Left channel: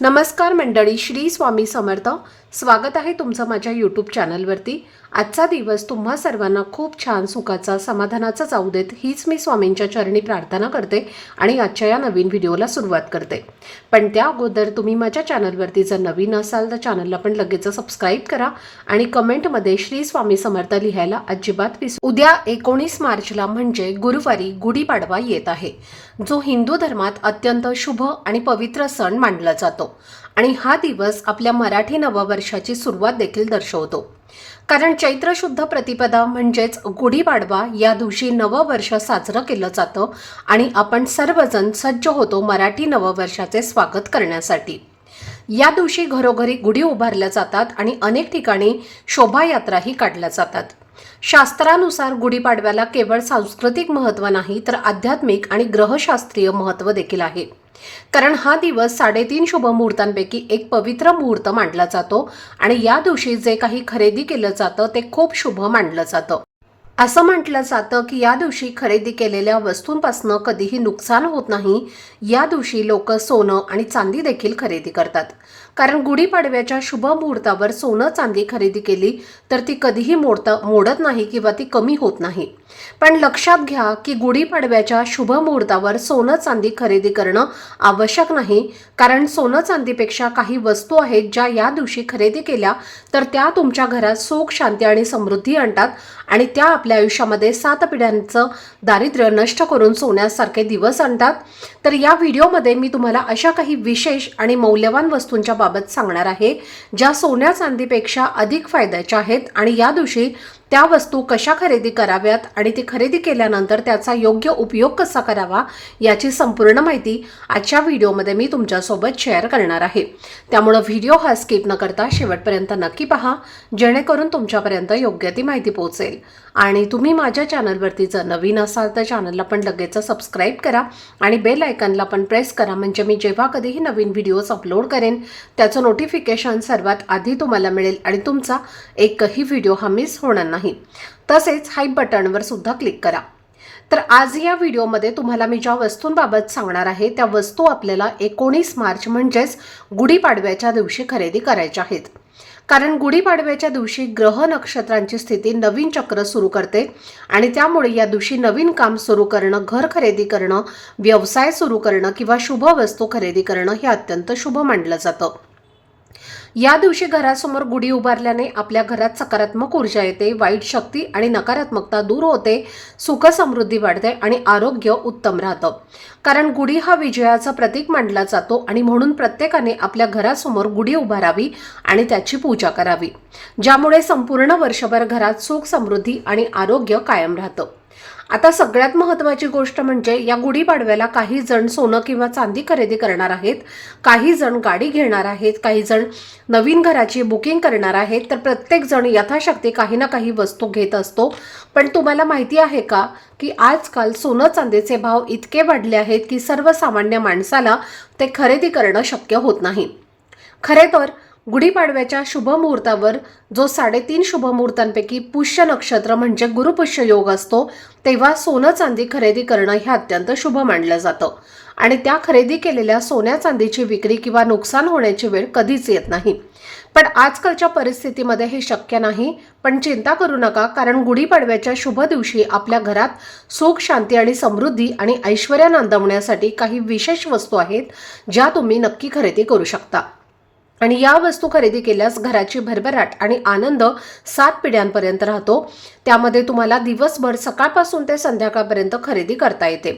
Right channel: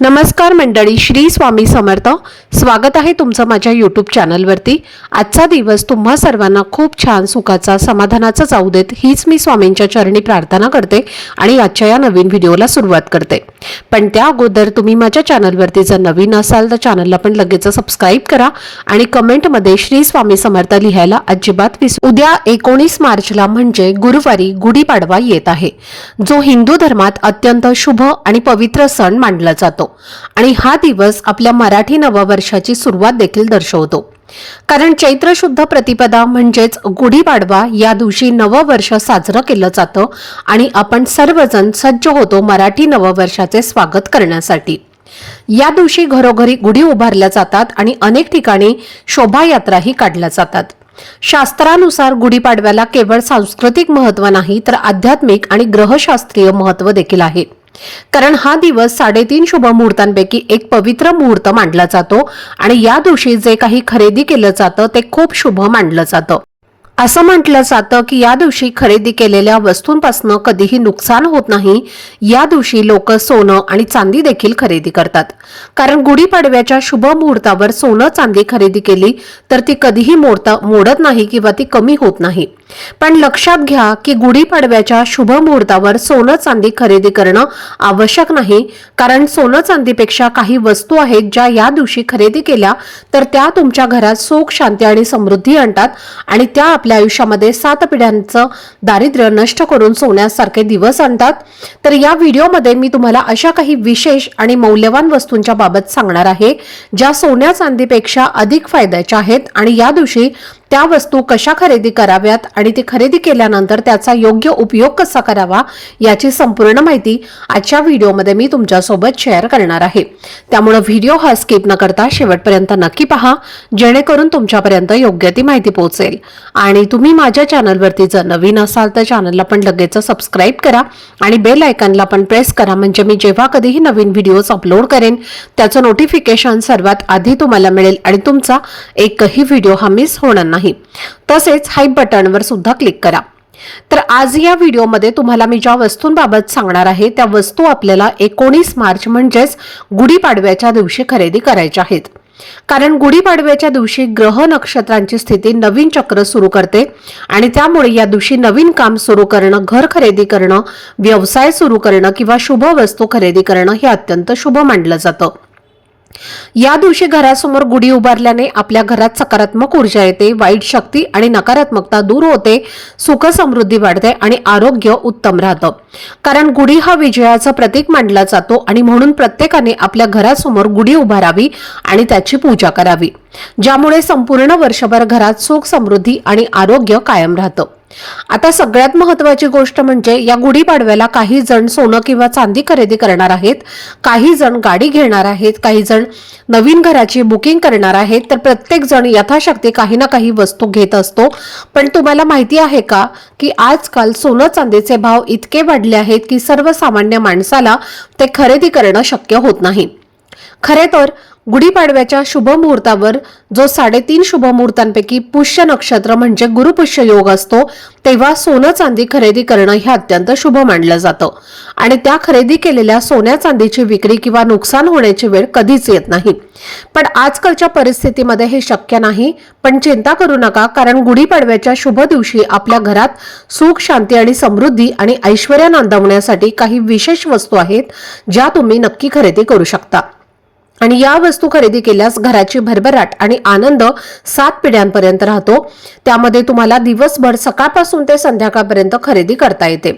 नमस्कार मंडळी, श्री स्वामी समर्थ. स्वागत आहे तुमचं माझ्या यूट्यूब चॅनलवरती. आजचा दिवस तुम्हा सर्वांना खूप छान, सुखाचा, समाधानाचा जाऊ देत, हीच मी स्वामींच्या चरणी प्रार्थना करते आणि आजच्या या नवीन व्हिडिओला सुरुवात करते. पण त्या अगोदर तुम्ही माझ्या चॅनलवरती जर नवीन असाल तर चॅनलला पण लगेच सबस्क्राईब करा आणि कमेंटमध्ये श्री स्वामी समर्थ लिहायला अजिबात विसरू. उद्या 19 मार्चला म्हणजे गुरुवारी गुढीपाडवा येत आहे, जो हिंदू धर्मात अत्यंत शुभ आणि पवित्र सण मानला जातो आणि हा दिवस आपल्या मराठी नववर्षाची सुरुवात देखील दर्शवतो. कारण चैत्र शुद्ध प्रतिपदा म्हणजेच गुढीपाडवा या दिवशी नववर्ष साजरं केलं जातं आणि आपण सर्वजण सज्ज होतो मराठी नववर्षाचे स्वागत करण्यासाठी. या दिवशी घरोघरी गुढी उभारल्या जातात आणि अनेक ठिकाणी शोभायात्राही काढल्या जातात. शास्त्रानुसार गुढीपाडव्याला केवळ सांस्कृतिक महत्त्व नाही तर आध्यात्मिक आणि ग्रहशास्त्रीय महत्त्व देखील आहे. कारण हा दिवस 3.5 शुभ मुहूर्तांपैकी एक पवित्र मुहूर्त मानला जातो आणि या दिवशी जे काही खरेदी केलं जातं ते खूप शुभ मानलं जातं. असं म्हटलं जातं की या दिवशी खरेदी केलेल्या वस्तूंपासून कधीही नुकसान होत नाही. या दिवशी लोक सोनं आणि चांदी देखील खरेदी करतात. कारण गुढीपाडव्याच्या शुभ मुहूर्तावर सोनं चांदी खरेदी केली तर ती कधीही मोडत नाही किंवा ती कमी होत नाही. पण लक्षात घ्या की गुढीपाडव्याच्या शुभ मुहूर्तावर सोनं चांदी खरेदी करणं आवश्यक नाही. कारण सोनं चांदीपेक्षा काही वस्तू आहेत ज्या या दिवशी खरेदी केल्या तर त्या तुमच्या घरात सुख, शांती आणि समृद्धी आणतात आणि त्या आपल्या आयुष्यामध्ये 7 पिढ्यांचं दारिद्र्य नष्ट करून सोन्यासारखे दिवस आणतात. तर या व्हिडिओमध्ये मी तुम्हाला अशा काही विशेष आणि मौल्यवान वस्तूंच्या बाबत सांगणार आहे ज्या सोन्या चांदीपेक्षा अधिक फायद्याच्या आहेत आणि या दिवशी त्या वस्तू कशा खरेदी कराव्यात आणि ती खरेदी केल्यानंतर त्याचा योग्य उपयोग कसा करावा याची संपूर्ण माहिती आजच्या व्हिडिओमध्ये मी तुमच्यासोबत शेअर करणार आहे. त्यामुळे व्हिडिओ हा स्किप न करता शेवटपर्यंत नक्की पहा, जेणेकरून तुमच्यापर्यंत योग्य ती माहिती पोहोचेल. आणि तुम्ही माझ्या चॅनलवरती जर नवीन असाल तर चॅनलला पण लगेच सबस्क्राईब करा आणि बेल आयकॉनला पण प्रेस करा, म्हणजे मी जेव्हा कधीही नवीन व्हिडिओज अपलोड करेन त्याचं नोटिफिकेशन सर्वात आधी तुम्हाला मिळेल आणि तुमचा एकही व्हिडिओ हा मिस होणार नाही. तसेच हाईप बटनवर सुद्धा क्लिक करा. तर आज या व्हिडिओमध्ये तुम्हाला मी ज्या वस्तूंबाबत सांगणार आहे त्या वस्तू आपल्याला 19 मार्च म्हणजेच गुढीपाडव्याच्या दिवशी खरेदी करायच्या आहेत. कारण गुढीपाडव्याच्या दिवशी ग्रह नक्षत्रांची स्थिती नवीन चक्र सुरू करते आणि त्यामुळे या दिवशी नवीन काम सुरू करणं, घर खरेदी करणं, व्यवसाय सुरू करणं किंवा शुभ वस्तू खरेदी करणं हे अत्यंत शुभ मानलं जातं. या दिवशी घरासमोर गुढी उभारल्याने आपल्या घरात सकारात्मक ऊर्जा येते, वाईट शक्ती आणि नकारात्मकता दूर होते, सुख समृद्धी वाढते आणि आरोग्य उत्तम राहतं. कारण गुढी हा विजयाचं प्रतीक मानला जातो आणि म्हणून प्रत्येकाने आपल्या घरासमोर गुढी उभारावी आणि त्याची पूजा करावी, ज्यामुळे संपूर्ण वर्षभर घरात सुख, समृद्धी आणि आरोग्य कायम राहतं. आता सगळ्यात महत्त्वाची गोष्ट म्हणजे या गुढीपाडव्याला काही जण सोनं किंवा चांदी खरेदी करणार आहेत, काही जण गाडी घेणार आहेत, काही जण नवीन घराची बुकिंग करणार आहेत. तर प्रत्येक जण यथाशक्ती काही ना काही वस्तू घेत असतो. पण तुम्हाला माहिती आहे का की आजकाल सोनं चांदीचे भाव इतके वाढले आहेत की सर्वसामान्य माणसाला ते खरेदी करणं शक्य होत नाही. खरे तर गुढीपाडव्याच्या शुभ मुहूर्तावर जो 3.5 शुभ मुहूर्तांपैकी पुष्य नक्षत्र म्हणजे गुरुपुष्य योग असतो तेव्हा सोनं चांदी खरेदी करणं हे अत्यंत शुभ मानलं जातं आणि त्या खरेदी केलेल्या सोन्या चांदीची विक्री किंवा नुकसान होण्याची वेळ कधीच येत नाही. पण आजकालच्या परिस्थितीमध्ये हे शक्य नाही. पण चिंता करू नका, कारण गुढीपाडव्याच्या शुभ दिवशी आपल्या घरात सुख, शांती आणि समृद्धी आणि ऐश्वर्य नांदवण्यासाठी काही विशेष वस्तू आहेत ज्या तुम्ही नक्की खरेदी करू शकता. आणि या वस्तू खरेदी केल्यास घराची भरभराट आणि आनंद 7 पिढ्यांपर्यंत राहतो. त्यामध्ये तुम्हाला दिवसभर सकाळपासून ते संध्याकाळपर्यंत खरेदी करता येते.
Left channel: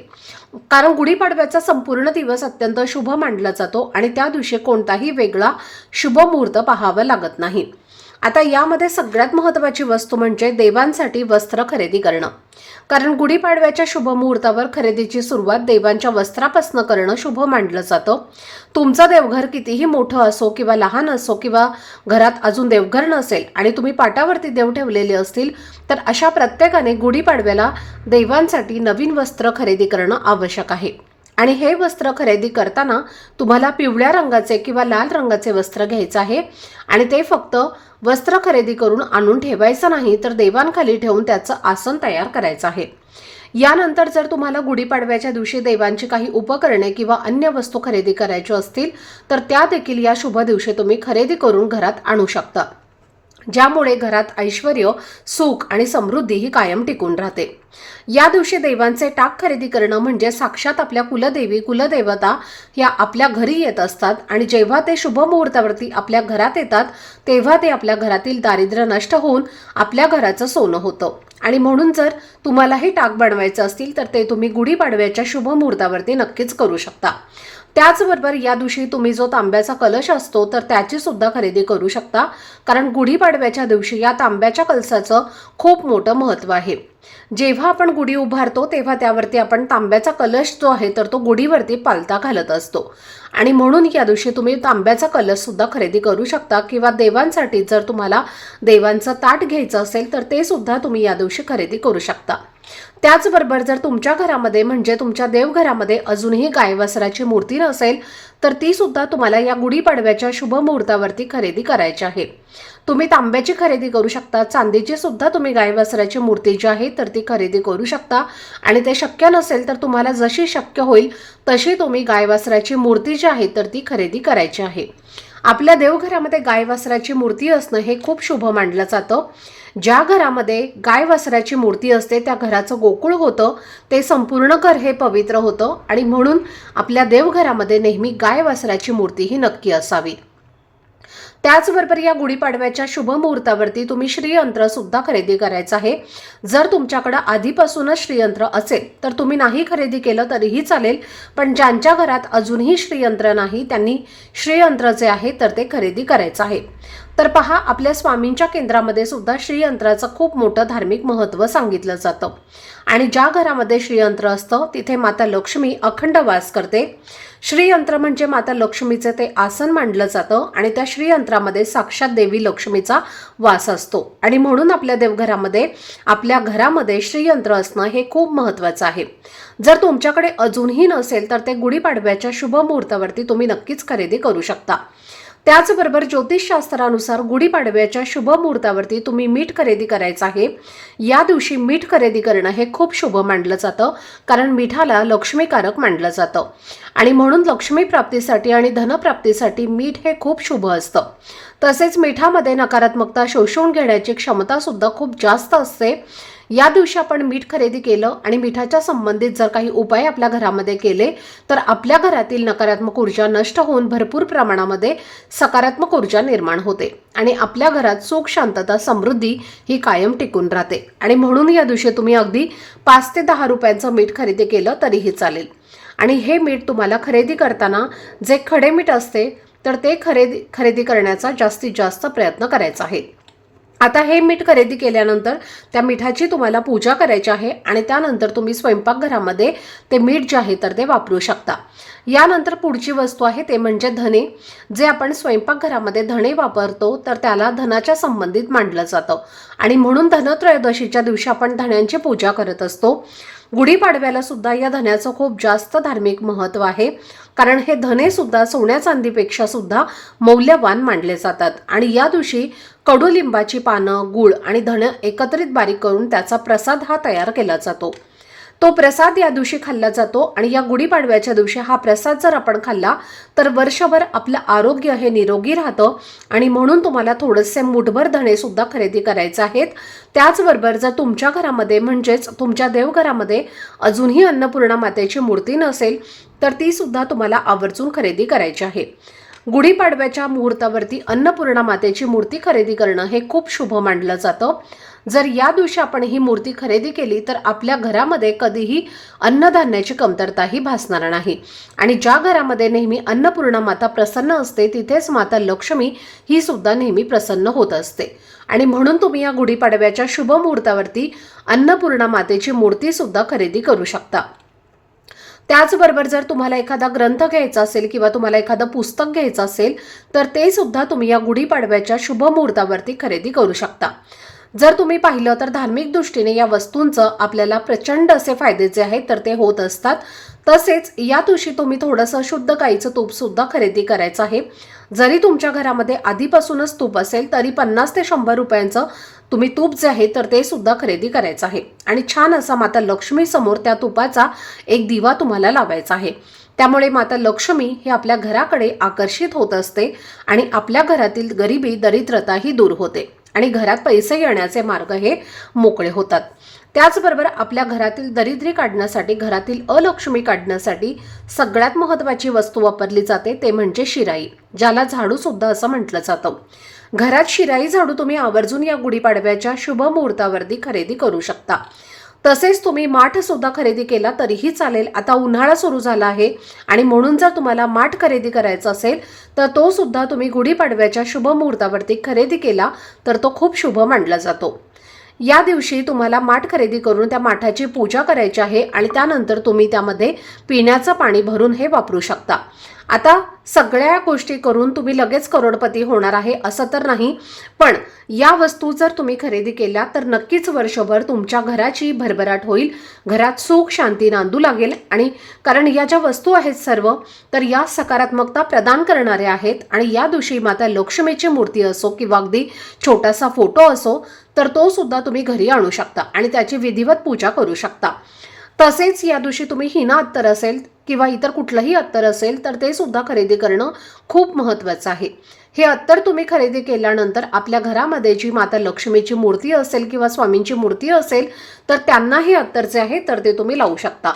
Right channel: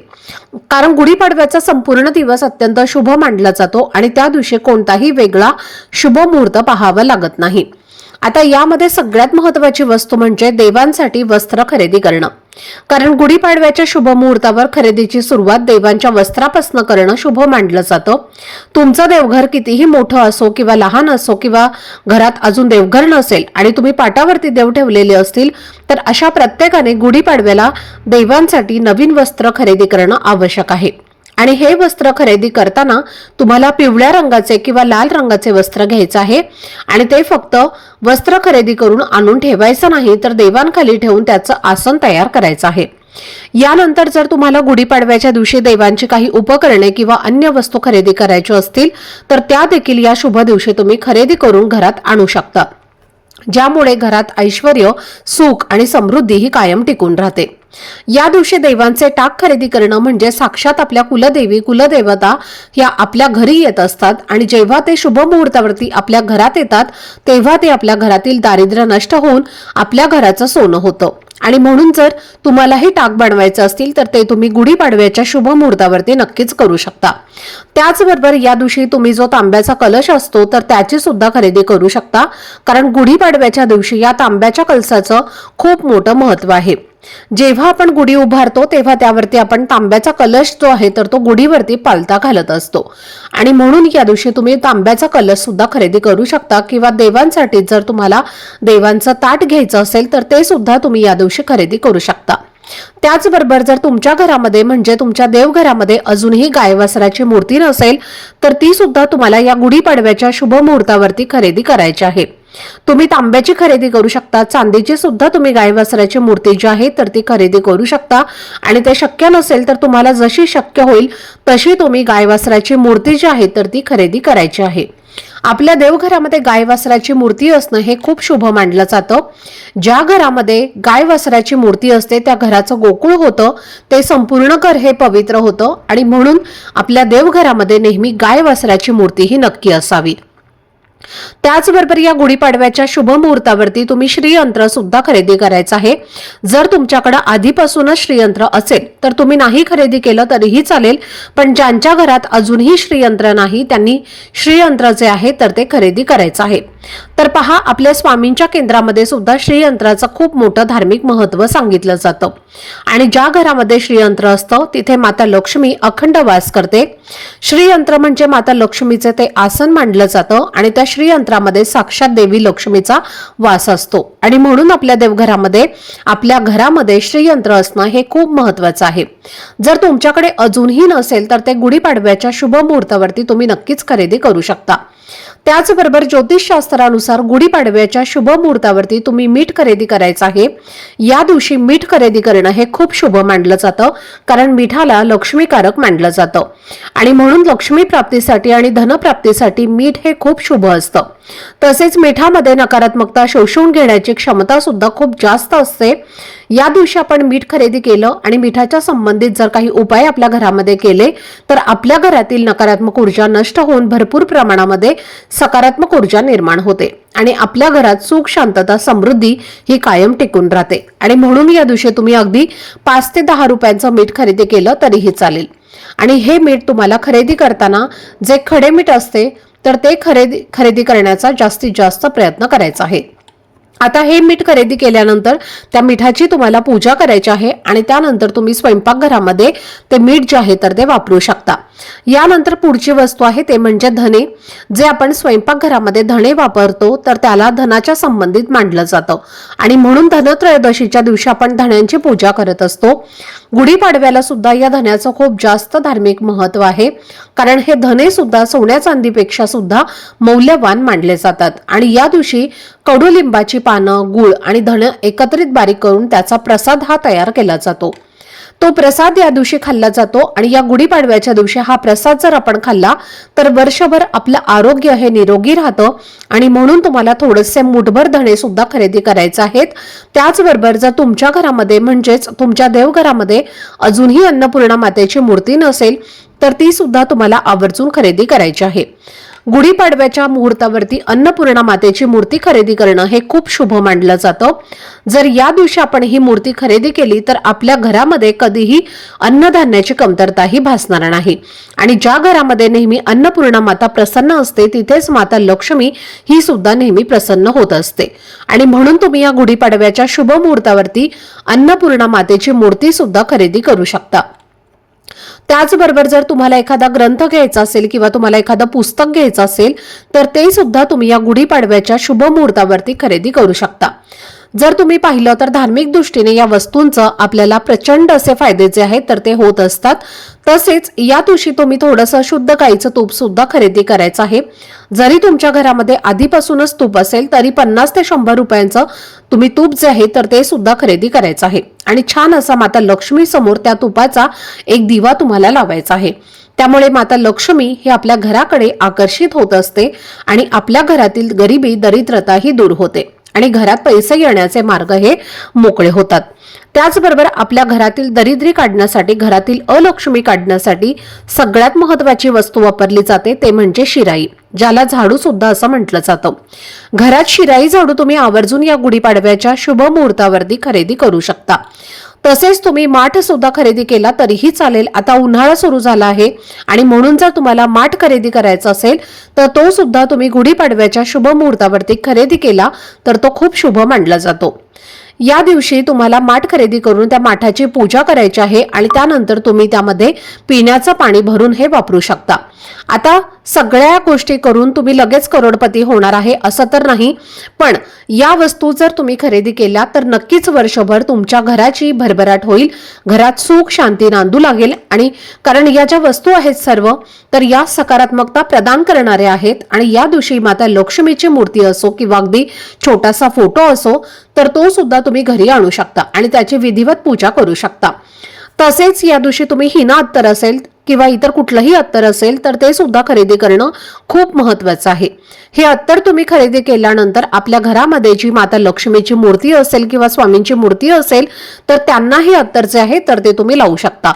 कारण गुढीपाडव्याचा संपूर्ण दिवस अत्यंत शुभ मानला जातो आणि त्या दिवशी कोणताही वेगळा शुभ मुहूर्त पाहावा लागत नाही. आता यामध्ये सगळ्यात महत्त्वाची वस्तू म्हणजे देवांसाठी वस्त्र खरेदी करणं. कारण गुढीपाडव्याच्या शुभ मुहूर्तावर खरेदीची सुरुवात देवांच्या वस्त्रापासून करणं शुभ मानलं जातं. तुमचं देवघर कितीही मोठं असो किंवा लहान असो किंवा घरात अजून देवघर नसेल आणि तुम्ही पाटावरती देव ठेवलेले असतील तर अशा प्रत्येकाने गुढीपाडव्याला देवांसाठी नवीन वस्त्र खरेदी करणं आवश्यक आहे. आणि हे वस्त्र खरेदी करताना तुम्हाला पिवळ्या रंगाचे किंवा लाल रंगाचे वस्त्र घ्यायचं आहे आणि ते फक्त वस्त्र खरेदी करून आणून ठेवायचं नाही तर देवांखाली ठेवून त्याचं आसन तयार करायचं आहे. यानंतर जर तुम्हाला गुढीपाडव्याच्या दिवशी देवांची काही उपकरणे किंवा अन्य वस्तू खरेदी करायची असतील तर त्या देखील या शुभ दिवशी तुम्ही खरेदी करून घरात आणू शकता, ज्यामुळे घरात ऐश्वर्य, सुख आणि समृद्धी ही कायम टिकून राहते। या दिवशी देवांचे टाक खरेदी करणं म्हणजे साक्षात आपल्या कुलदेवी कुलदेवता या आपल्या घरी येत असतात आणि जेव्हा ते शुभ मुहूर्तावरती आपल्या घरात येतात तेव्हा ते आपल्या घरातील दारिद्र्य नष्ट होऊन आपल्या घराचं सोनं होतं। आणि म्हणून जर तुम्हालाही टाक बनवायचं असतील तर ते तुम्ही गुढीपाडव्याच्या शुभ मुहूर्तावरती नक्कीच करू शकता। त्याचबरोबर या दिवशी तुम्ही जो तांब्याचा कलश असतो तर त्याची सुद्धा खरेदी करू शकता, कारण गुढीपाडव्याच्या दिवशी या तांब्याच्या कलशाचं खूप मोठं महत्त्व आहे। जेव्हा आपण गुढी उभारतो तेव्हा त्यावरती आपण तांब्याचा कलश जो आहे तर तो गुढीवरती पालथा घालत असतो आणि म्हणून या दिवशी तुम्ही तांब्याचा कलश सुद्धा खरेदी करू शकता किंवा देवांसाठी जर तुम्हाला देवांचं ताट घ्यायचं असेल तर ते सुद्धा तुम्ही या दिवशी खरेदी करू शकता। त्याचबरोबर जर तुमच्या घरामध्ये म्हणजे तुमच्या देवघरामध्ये अजूनही गाय वासराची मूर्ती नसेल तर ती सुद्धा तुम्हाला या गुढीपाडव्याच्या शुभ मुहूर्तावरती खरेदी करायची आहे। तुम्ही तांब्याची खरेदी करू शकता, चांदीची सुद्धा तुम्ही गाय वासराची मूर्ती जी आहे तर ती खरेदी करू शकता आणि ते शक्य नसेल तर तुम्हाला जशी शक्य होईल तशी तुम्ही गाय वासराची मूर्ती जी आहे तर ती खरेदी करायची आहे। आपल्या देवघरामध्ये गाय वासराची मूर्ती असणं हे खूप शुभ मानलं जातं। ज्या घरामध्ये गाय वासराची मूर्ती असते त्या घराचं गोकुळ होतं, ते संपूर्ण घर हे पवित्र होतं आणि म्हणून आपल्या देवघरामध्ये नेहमी गाय वासराची मूर्ती ही नक्की असावी। त्याचबरोबर या गुढीपाडव्याच्या शुभ मुहूर्तावरती तुम्ही श्रीयंत्र सुद्धा खरेदी करायचं आहे। जर तुमच्याकडे आधीपासूनच श्रीयंत्र असेल तर तुम्ही नाही खरेदी केलं तरीही चालेल, पण ज्यांच्या घरात अजूनही श्रीयंत्र नाही त्यांनी श्रीयंत्र जे आहे तर ते खरेदी करायचं आहे। तर पहा, आपल्या स्वामींच्या केंद्रामध्ये सुद्धा श्रीयंत्राचं खूप मोठं धार्मिक महत्त्व सांगितलं जातं आणि ज्या घरामध्ये श्रीयंत्र असतं तिथे माता लक्ष्मी अखंड वास करते। श्रीयंत्र म्हणजे माता लक्ष्मीचे ते आसन मानलं जातं आणि त्या श्रीयंत्रामध्ये साक्षात देवी लक्ष्मीचा वास असतो आणि म्हणून आपल्या देवघरामध्ये आपल्या घरामध्ये श्रीयंत्र असणं हे खूप महत्त्वाचं आहे। जर तुमच्याकडे अजूनही नसेल तर ते गुढीपाडव्याच्या शुभ मुहूर्तावरती तुम्ही नक्कीच खरेदी करू शकता। त्याचबरोबर ज्योतिषशास्त्रानुसार गुढीपाडव्याच्या शुभ मुहूर्तावरती तुम्ही मीठ खरेदी करायचं आहे। या दिवशी मीठ खरेदी करणं हे खूप शुभ मानलं जातं, कारण मिठाला लक्ष्मीकारक मानलं जातं आणि म्हणून लक्ष्मी प्राप्तीसाठी आणि धनप्राप्तीसाठी मीठ हे खूप शुभ असतं। तसेच मिठामध्ये नकारात्मकता शोषून घेण्याची क्षमता सुद्धा खूप जास्त असते। या दिवशी आपण मीठ खरेदी केलं आणि मिठाच्या संबंधित जर काही उपाय आपल्या घरामध्ये केले तर आपल्या घरातील नकारात्मक ऊर्जा नष्ट होऊन भरपूर प्रमाणामध्ये सकारात्मक ऊर्जा निर्माण होते आणि आपल्या घरात सुख, शांतता, समृद्धी ही कायम टिकून राहते आणि म्हणून या दिवशी तुम्ही अगदी 5 ते 10 रुपयांचं मीठ खरेदी केलं तरीही चालेल। आणि हे मीठ तुम्हाला खरेदी करताना जे खडे मीठ असते तर ते खरेदी करण्याचा जास्तीत जास्त प्रयत्न करायचा आहे। आता हे मीठ खरेदी केल्यानंतर त्या मिठाची तुम्हाला पूजा करायची आहे आणि त्यानंतर तुम्ही स्वयंपाकघरामध्ये ते मीठ जे आहे तर ते वापरू शकता। यानंतर पुढची वस्तू आहे ते म्हणजे धणे। जे आपण स्वयंपाकघरामध्ये धणे वापरतो तर त्याला धनाच्या संबंधित मानलं जातं आणि म्हणून धनत्रयोदशीच्या दिवशी आपण धण्यांची पूजा करत असतो। गुढीपाडव्याला सुद्धा या धन्याचं खूप जास्त धार्मिक महत्त्व आहे, कारण हे धने सुद्धा सोन्या चांदीपेक्षा सुद्धा मौल्यवान मानले जातात आणि या दिवशी कडुलिंबाची पानं, गूळ आणि धणे एकत्रित बारीक करून त्याचा प्रसाद हा तयार केला जातो। तो प्रसाद या दिवशी खाल्ला जातो आणि या गुढीपाडव्याच्या दिवशी हा प्रसाद जर आपण खाल्ला तर वर्षभर आपलं आरोग्य हे निरोगी राहतं आणि म्हणून तुम्हाला थोडेसे मुठभर धणे सुद्धा खरेदी करायचे आहेत। त्याचबरोबर जर तुमच्या घरामध्ये म्हणजेच तुमच्या देवघरामध्ये अजूनही अन्नपूर्णा मातेची मूर्ती नसेल तर ती सुद्धा तुम्हाला आवर्जून खरेदी करायची आहे। गुढीपाडव्याच्या मुहूर्तावरती अन्नपूर्णा मातेची मूर्ती खरेदी करणं हे खूप शुभ मानलं जातं। जर या दिवशी आपण ही मूर्ती खरेदी केली तर आपल्या घरामध्ये कधीही अन्नधान्याची कमतरताही भासणार नाही आणि ज्या घरामध्ये नेहमी अन्नपूर्णा माता प्रसन्न असते तिथेच माता लक्ष्मी ही सुद्धा नेहमी प्रसन्न होत असते आणि म्हणून तुम्ही या गुढीपाडव्याच्या शुभ मुहूर्तावरती अन्नपूर्णा मातेची मूर्ती सुद्धा खरेदी करू शकता। त्याचबरोबर जर तुम्हाला एखादा ग्रंथ घ्यायचा असेल किंवा तुम्हाला एखादं पुस्तक घ्यायचं असेल तर ते सुद्धा तुम्ही या गुढीपाडव्याच्या शुभ मुहूर्तावरती खरेदी करू शकता। जर तुम्ही पाहिलं तर धार्मिक दृष्टीने या वस्तूंचं आपल्याला प्रचंड असे फायदे जे आहेत तर ते होत असतात। तसेच या दिवशी तुम्ही थोडंसं शुद्ध गाईचं तूप सुद्धा खरेदी करायचं आहे। जरी तुमच्या घरामध्ये आधीपासूनच तूप असेल तरी 50 ते 100 रुपयांचं तुम्ही तूप जे आहे तर ते सुद्धा खरेदी करायचं आहे आणि छान असा माता लक्ष्मी समोर त्या तुपाचा एक दिवा तुम्हाला लावायचा आहे। त्यामुळे माता लक्ष्मी हे आपल्या घराकडे आकर्षित होत असते आणि आपल्या घरातील गरिबी दरिद्रता ही दूर होते आणि घरात पैसे येण्याचे मार्ग हे मोकळे होतात। त्याचबरोबर आपल्या घरातील दरिद्री काढण्यासाठी, घरातील अलक्ष्मी काढण्यासाठी सगळ्यात महत्त्वाची वस्तू वापरली जाते ते म्हणजे शिराई, ज्याला झाडू सुद्धा असं म्हटलं जातं। घरात शिराई झाडू तुम्ही आवर्जून या गुढीपाडव्याच्या शुभ मुहूर्तावरती खरेदी करू शकता। तसेच तुम्ही माठ सुद्धा खरेदी केला तरीही चालेल। आता उन्हाळा सुरू झाला आहे आणि म्हणून जर तुम्हाला माठ खरेदी करायचा असेल तर तो सुद्धा तुम्ही गुढीपाडव्याच्या शुभ मुहूर्तावरती खरेदी केला तर तो खूप शुभ मानला जातो। या दिवशी तुम्हाला माठ खरेदी करून त्या माठाची पूजा करायची आहे आणि त्यानंतर तुम्ही त्यामध्ये पिण्याचं पाणी भरून हे वापरू शकता। आता सगळ्या गोष्टी करून तुम्ही लगेच करोडपती होणार आहे असं तर नाही, पण या वस्तू जर तुम्ही खरेदी केल्या तर नक्कीच वर्षभर तुमच्या घराची भरभराट होईल, घरात सुख शांती नांदू लागेल। आणि कारण या ज्या वस्तू आहेत सर्व तर या सकारात्मकता प्रदान करणाऱ्या आहेत आणि या दिवशी माता लक्ष्मीची मूर्ती असो किंवा अगदी छोटासा फोटो असो तर तो सुद्धा तुम्ही घरी आणू शकता आणि त्याची विधिवत पूजा करू शकता। तसेच या दिवशी तुम्ही हिना अत्तर असेल किंवा इतर कुठलंही अत्तर असेल तर ते सुद्धा खरेदी करणं खूप महत्त्वाचं आहे। हे अत्तर तुम्ही खरेदी केल्यानंतर आपल्या घरामध्ये जी माता लक्ष्मीची मूर्ती असेल किंवा स्वामींची मूर्ती असेल तर त्यांना हे अत्तर जे आहे तर ते तुम्ही लावू शकता।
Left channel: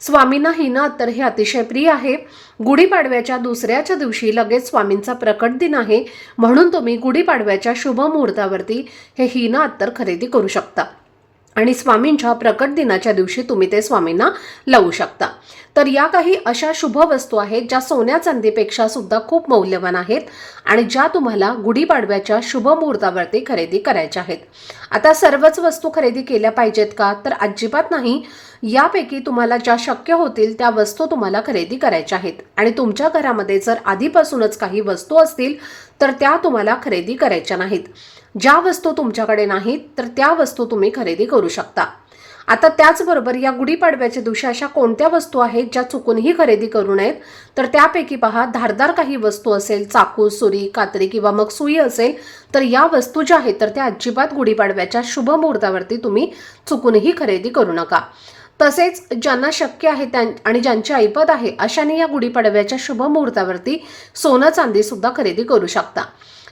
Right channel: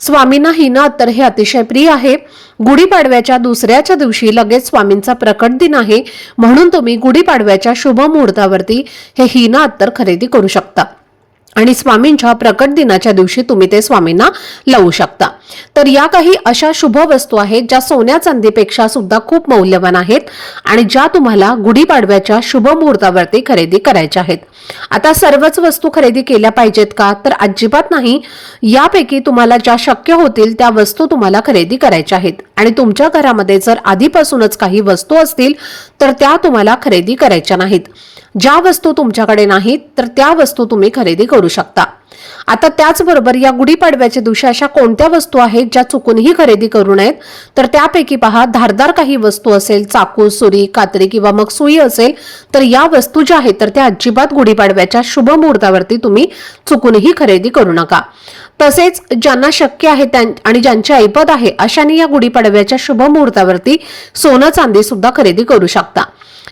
स्वामींना हिना अत्तर हे अतिशय प्रिय आहे। गुढीपाडव्याच्या दुसऱ्याच्या दिवशी लगेच स्वामींचा प्रकट दिन आहे, म्हणून तुम्ही गुढीपाडव्याच्या शुभ मुहूर्तावरती हे हिना अत्तर खरेदी करू शकता आणि स्वामींच्या प्रकट दिनाच्या दिवशी तुम्ही ते स्वामींना लावू शकता। तर या काही अशा शुभ वस्तू आहेत ज्या सोन्या चांदीपेक्षा सुद्धा खूप मौल्यवान आहेत आणि ज्या तुम्हाला गुढीपाडव्याच्या शुभ मुहूर्तावरती खरेदी करायच्या आहेत। आता सर्वच वस्तू खरेदी केल्या पाहिजेत का तर अजिबात नाही। यापैकी तुम्हाला ज्या शक्य होतील त्या वस्तू तुम्हाला खरेदी करायच्या आहेत आणि तुमच्या घरामध्ये जर आधीपासूनच काही वस्तू असतील तर त्या तुम्हाला खरेदी करायच्या नाहीत। ज्या वस्तू तुमच्याकडे नाहीत तर त्या वस्तू तुम्ही खरेदी करू शकता। आता त्याचबरोबर या गुढीपाडव्याच्या दिवशी अशा कोणत्या वस्तू आहेत ज्या चुकूनही खरेदी करू नयेत तर त्यापैकी पहा, धारदार काही वस्तू असेल, चाकू, सुरी, कात्री किंवा मग सुई असेल तर या वस्तू ज्या आहेत तर त्या अजिबात गुढीपाडव्याच्या शुभ मुहूर्तावरती तुम्ही चुकूनही खरेदी करू नका। तसेच ज्यांना शक्य आहे आणि ज्यांची ऐपत आहे अशांनी या गुढीपाडव्याच्या शुभ मुहूर्तावरती सोनं चांदी सुद्धा खरेदी करू शकता।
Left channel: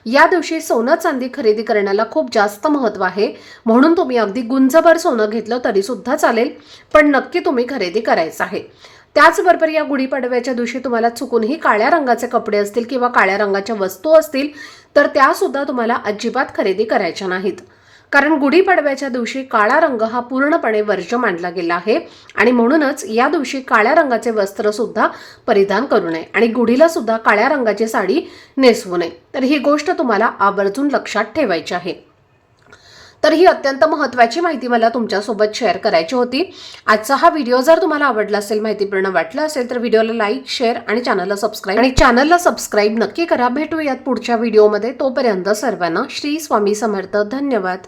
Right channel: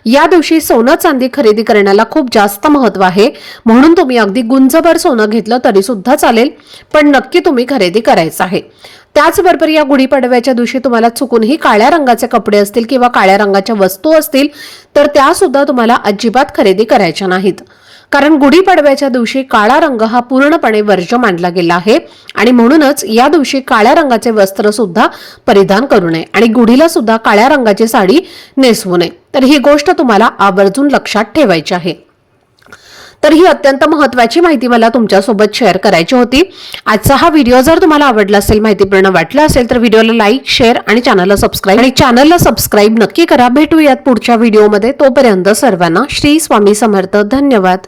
या दिवशी सोनं चांदी खरेदी करण्याला खूप जास्त महत्त्व आहे, म्हणून तुम्ही अगदी गुंजभर सोनं घेतलं तरी सुद्धा चालेल, पण नक्की तुम्ही खरेदी करायचं आहे। त्याचबरोबर या गुढीपाडव्याच्या दिवशी तुम्हाला चुकूनही काळ्या रंगाचे कपडे असतील किंवा काळ्या रंगाच्या वस्तू असतील तर त्या सुद्धा तुम्हाला अजिबात खरेदी करायच्या नाहीत, कारण गुढीपाडव्याच्या दिवशी काळा रंग हा पूर्णपणे वर्ज्य मानला गेला आहे आणि म्हणूनच या दिवशी काळ्या रंगाचे वस्त्र सुद्धा परिधान करू नये आणि गुढीला सुद्धा काळ्या रंगाची साडी नेसवू नये। तर ही गोष्ट तुम्हाला आवर्जून लक्षात ठेवायची आहे। तर ही अत्यंत महत्त्वाची माहिती मला तुमच्यासोबत शेअर करायची होती। आजचा हा व्हिडिओ जर तुम्हाला आवडला असेल, माहितीपूर्ण वाटला असेल तर व्हिडिओला लाईक, शेअर आणि चॅनलला सबस्क्राईब नक्की करा। भेटूयात पुढच्या व्हिडिओमध्ये, तोपर्यंत सर्वांना श्री स्वामी समर्थ। धन्यवाद।